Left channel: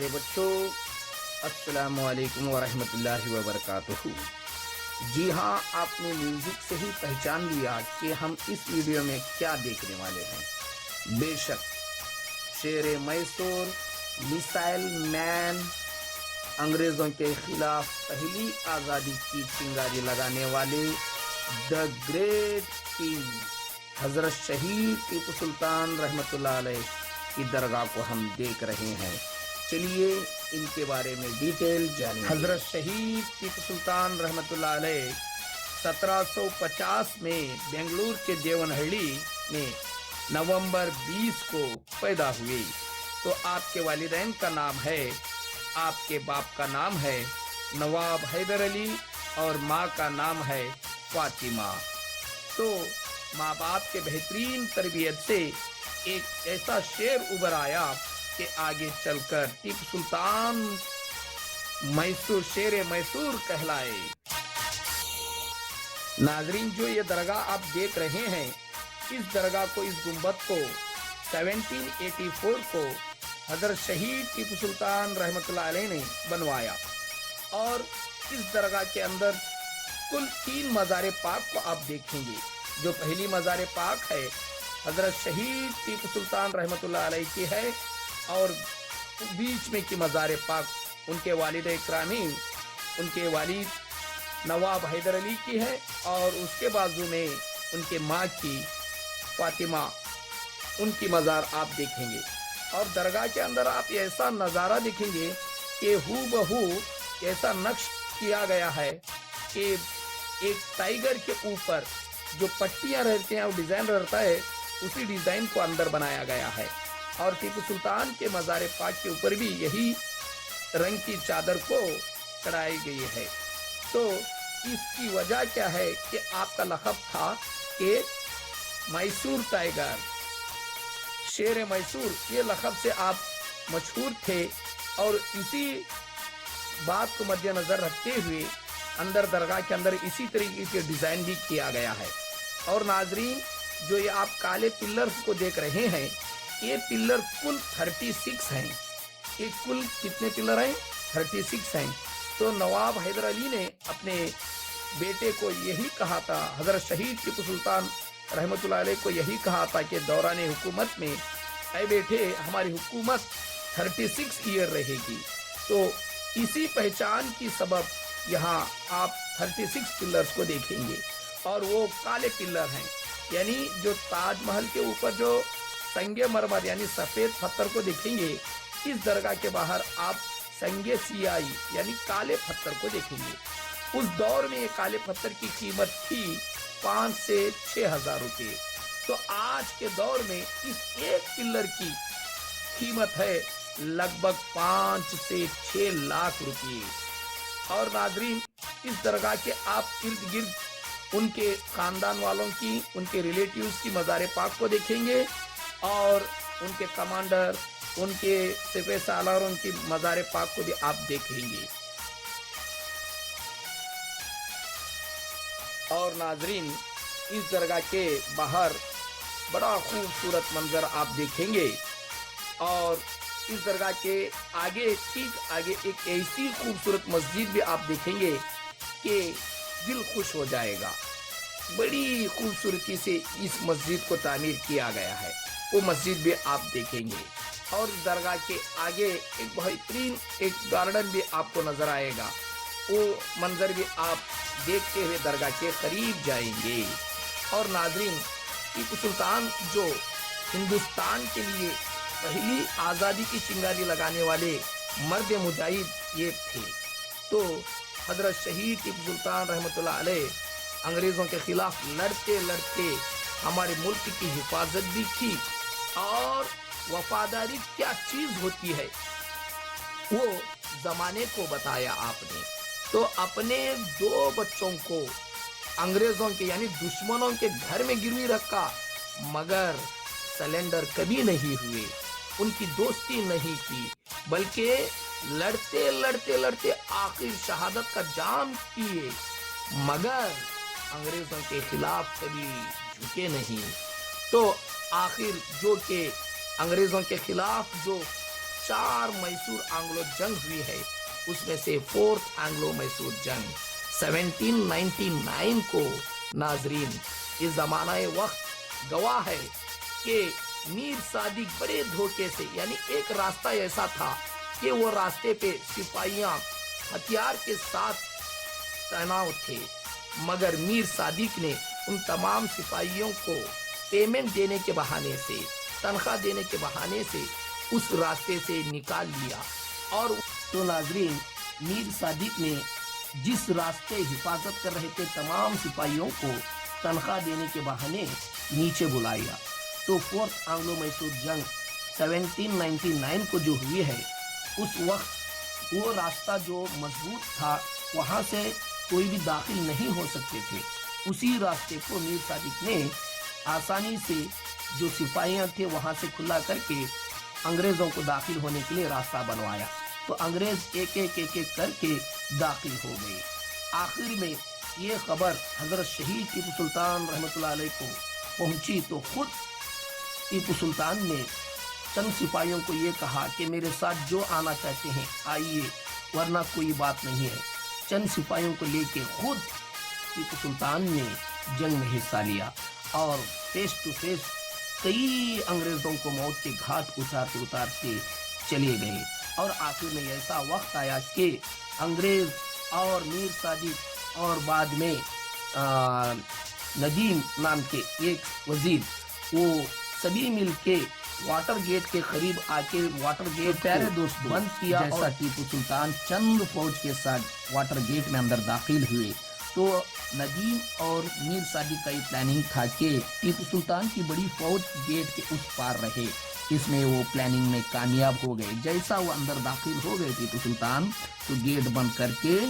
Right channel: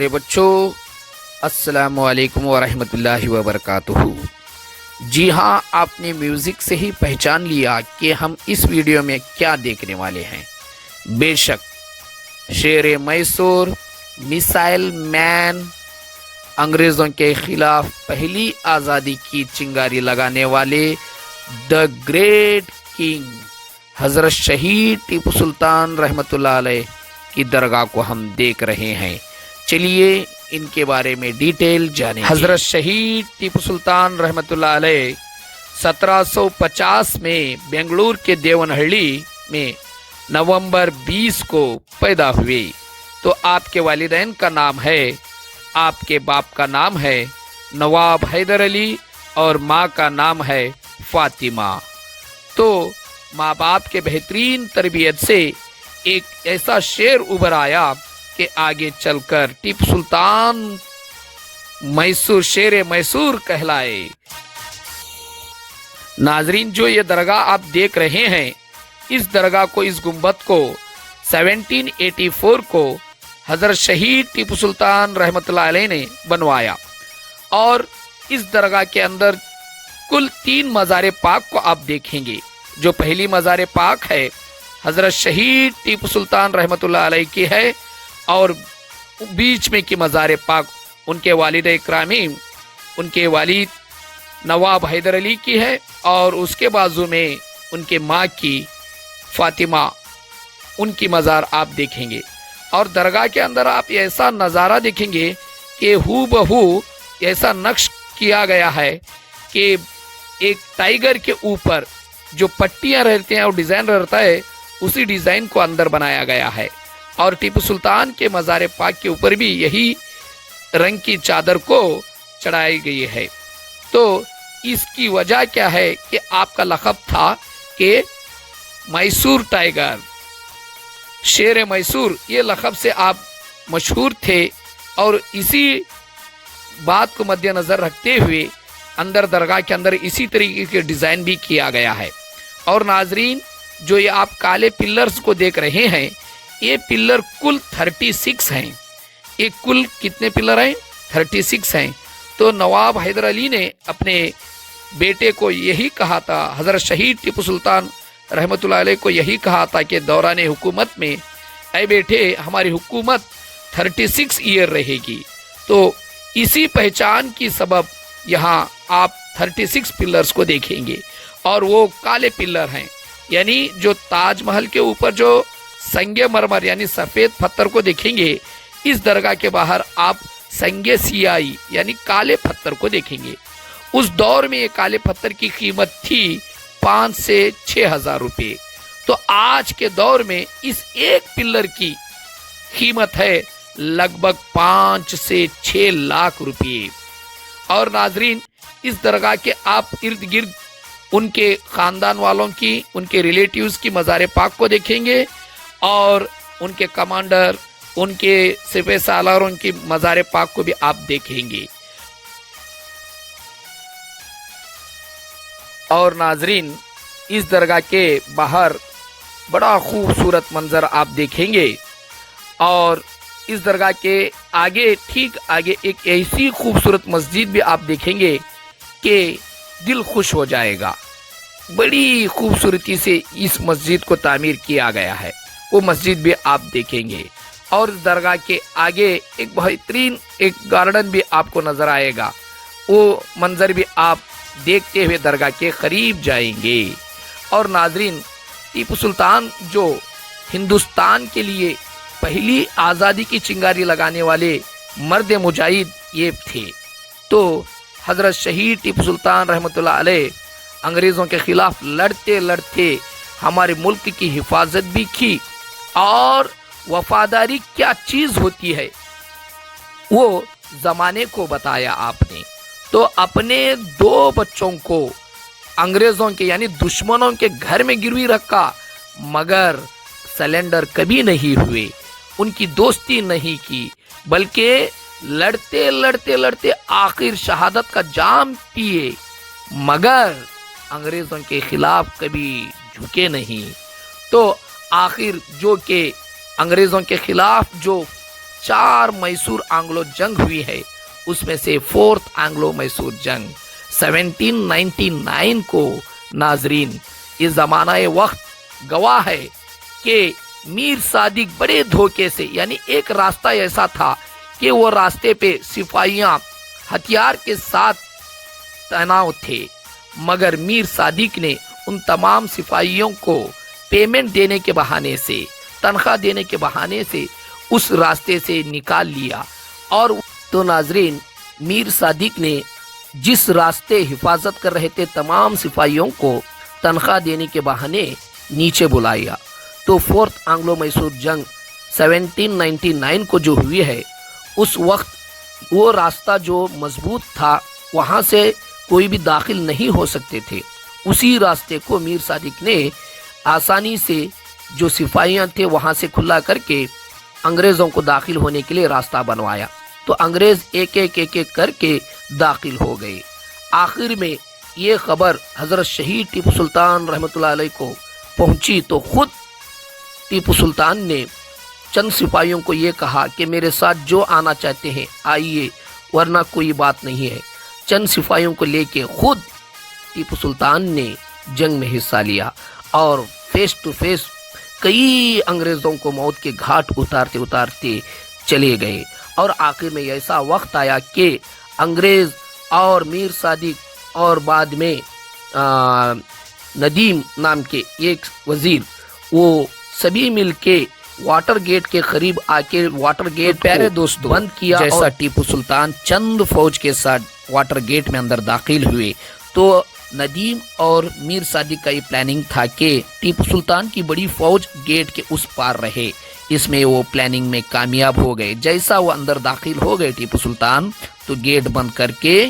प्यारे बच्चों, अस्सलामु अलैकुम वरहमतुल्लाहि वबरकातुहू। जी हाँ, आपने म्यूज़िक से ही पहचान लिया कि हम इस वीडियो में क्या देखने वाले हैं। बेशक शेर मैसूर, मिसाइल मैन, अंग्रेज़ों के खिलाफ पहली आज़ादी की चिंगारी लगाने वाले द ग्रेट किंग हज़रत शहीद टीपू सुल्तान रहमतुल्लाह अलैह की दरगाह को हम देख रहे हैं। चलिए इनके बारे में डिटेल जानें। हज़रत शहीद टीपू सुल्तान रहमतुल्लाह अलैह 1750 में बेंगलुरु के देवनहल्ली में नवंबर 20 को पैदा हुए। तो आपके वालिदैन का नाम है, आपके बाप का नाम है नवाब हैदर अली और माँ का नाम है फातिमा। तो माँ बाप के बेहतरीन तरबियत से एक ऐसा शेर उभर आया कि आगे चलकर टीपू सुल्तान मैसूर शेर मैसूर कहलाए। नाजरीन, जो ये दरगाह आप देख रहे हैं, इस दरगाह को, इस गुंबद को 1784 को हज़रत शहीद टीपू सुल्तान रहमतुल्लाह अलैह ने बनवाया। और इस दरगाह के अंदर कुल 3 मज़ार पाक को आप देखेंगे। जो पहली मज़ार पाक है हज़रत शहीद टीपू सुल्तान रहमतुल्लाह अलैह की है, और बीच में की मज़ार पाक उनके वालिद इकरामी, उनके वालिद नवाब हैदर अली की है, और उसके बाजू में उनके माँ की फातिमा, उनकी मज़ार आप देखेंगे। और दरगाह के अंदर आप ऐसा नज़ारा देखेंगे कि हूबहू ऐसा नक्श किया गया है कि एक टाइगर के ऊपर जो पट्टियाँ रहती हैं और डिज़ाइन रहता है, उसी डिज़ाइन को अंदर बनाया गया है। और टीपू सुल्तान के मज़ार पाक के ऊपर भी यही रंग की चादर को चढ़ाई गई है। तो इसकी वजह क्या है कि आपका लक़ब था कि मैसूर टाइगर, शेर मैसूर, ये लक़ब से आप मशहूर थे। और इसी बात को मद्देनज़र रखते हुए अंदर दरगाह के अंदर इसी तरीके के डिज़ाइन भी किया गया है। और नाजरीन, जो ये आप काले पिलर्स को देख रहे हैं, ये पिलर कुल 36 हैं। ये कुल कितने पिलर हैं? 36 हैं। तो नवाब हैदर अली ने अपने बेटे को यही कहा था, हज़रत शहीद टीपू सुल्तान रहमतुल्लाह अलैह को यही कहा था कि दौरान हुकूमत में, ऐ बेटे, हमारी हुकूमत 36 ईयर रहेगी। तो इसी पहचान की सबब यहाँ आप 36 पिलर्स को देखेंगे, और वो काले पिलर हैं। यानी जो ताजमहल के ऊपर जो संगे मरमर यानी सफ़ेद पत्थर को देखेंगे, इस दरगाह के बाहर आप संगे सियाई यानी काले पत्थर को देखेंगे। उस दौर में ये काले पत्थर की कीमत थी 5 से 6 हज़ार रुपये। तो आज के दौर में इस एक पिलर की कीमत है लगभग 5 से 6 लाख रुपये। और नाजरीन, इस दरगाह के आप इर्द गिर्द उनके ख़ानदान वालों की, उनके रिलेटिव्स की मज़ार पाक को देखेंगे, और उनके कमांडर, उनके सिपह सालारों की मज़ार पाक को भी आप देखेंगे। और नाजरीन, इस दरगाह के बाहर बड़ा खूबसूरत मंज़र आप देखेंगे। और इस दरगाह के आगे, ठीक आगे, एक ऐसी खूबसूरत मस्जिद भी आप देखेंगे कि दिल खुश हो जाएगा। बड़ी खूबसूरती से इस मस्जिद को तामीर किया गया है, वो मस्जिद भी आप देखेंगे। और दरगाह के आगे एक बेहतरीन एक गार्डन भी आपको नज़र आएगा, वो मंज़र भी आप देखते हुए दरगाह के करीब जाएंगे। और नाजरीन, टीपू सुल्तान जो हिंदुस्तान के लिए पहली आज़ादी की चिंगारी लगाने वाले मर्द मुजाहिद ये थे। तो हज़रत शहीद टीपू सुल्तान रहमतुल्लाह अलैह अंग्रेज़ों के ख़िलाफ़ लड़ते लड़ते हमारे मुल्क की हिफाजत भी की। और वफ़ादारी क्या चीज़ होती है वो ज़माने को बताया आपने। तो अपने 2 बच्चों को अंग्रेज़ों के यानी दुश्मनों के घर में गिरवी रखा, मगर सरेंडर कभी नहीं हुए, उनकी दोस्ती नहीं की, बल्कि लड़ते लड़ते लड़ते आखिर शहादत का जाम पिए, मगर अंग्रेज़ों के खिलाफ कभी झुके नहीं। तो आखिर जो कि अंग्रेज़ों के खिलाफ जो 4 मैसूर आंग्लो जंग हुई है, उसमें से 4th एंग्लो मैसूर जंग 1799 को। नाजरीन, इस जमाना वक्त गवाह है कि मीर सादिक बड़े धोखे से, यानी एक रास्ता ऐसा था कि वो रास्ते पे सिपाहियां हथियार के साथ तैनात थे, मगर मीर सादिक ने उन तमाम सिपाहियों को पेमेंट देने के बहाने से, तनख्वाह देने के बहाने से उस रास्ते से निकाल लिया। और तो नाजरीन, मीर सादिक ने जिस रास्ते हिफाजत कर रहे थे तमाम सिपाहियों को तनख्वाह देने के बहाने नीचे बुलाया। तो 4th एंग्लो मैसूर जंग 1799 को जो हुई है, उस वक्त वो रास्ता जो मजबूत था, वहाँ से कोई भी दाखिल नहीं हो सकते थे। उसी रास्ते को मीर सादिक ने आसानी से जो सिपाहियाँ थे वहाँ से खुला करके अंग्रेज़ों को दाखिल होने के लिए रास्ता बनवाया। तो अंग्रेज़ एक एक करके दाखिल हो गए। आखिर में ये खबर हज़रत शहीद टीपू सुल्तान रहमतुल्लाह अलैह को पहुंची तो खुद टीपू सुल्तान ने चंद सिपाहियों को ये कहा कि मेरे साथ जो आना चाहते हैं आइए, वरना कोई बात नहीं है। चंद सिपाहियों को लेके खुद टीपू सुल्तान ने जंग में हिस्सा लिया और फेस टू फेस कई अंग्रेज़ों को मौत के घाट उतारते उतारते चले गए। और आखिर में ऐसा वक्त आया कि अंग्रेज़ और मीर सादिक और बाद में नदीम नाम के एक वजीर, वो सभी मिलके वाटर गेट के करीब आके वाटर गेट प्यारे दोस्तों बंद किया। जैसा टीपू सुल्तान चंद फौज के साथ वाटर गेट में अंदर दाखिल हुए, तो नदीम और मीर सादिक का ये प्लानिंग था कि टीपू सुल्तान की बड़ी फौज गेट के उस पार रहे। इसमें वो प्लानिंग में कामयाब हो गए। जैसा वो अंदर दाखिल हो गए टीपू सुल्तान, तो गेट बंद करके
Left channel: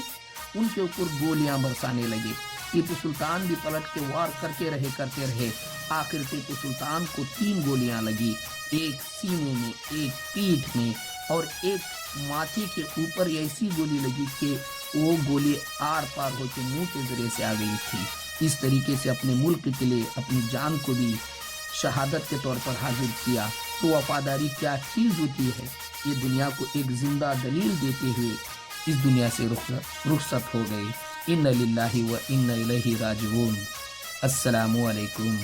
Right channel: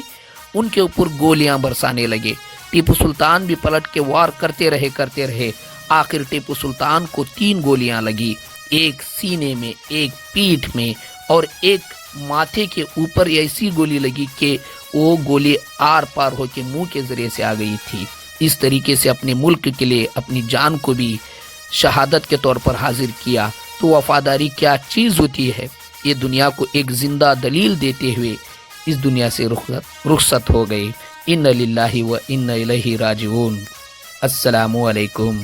उनके ऊपर गोलियां बरसाने लगे। टीपू सुल्तान भी पलट के वार करते रहे। आखिर टीपू सुल्तान को 3 गोलियां लगी, एक सीने में, एक पीठ में और एक माथे के ऊपर ऐसी गोली लगी कि वो गोली आर पार होकर मुंह के जरिए से आ गई थी। इस तरीके से अपने मुल्क के लिए अपनी जान को भी शहादत के तौर पर हाजिर किया। तो वफादारी क्या चीज़ होती है, ये दुनिया को एक जिंदा दलील देते हुए इस दुनिया से रुखसत हो गए। इन्ना लिल्लाहि व इन्ना इलैहि राजिऊन। अस्सलामु अलैकुम।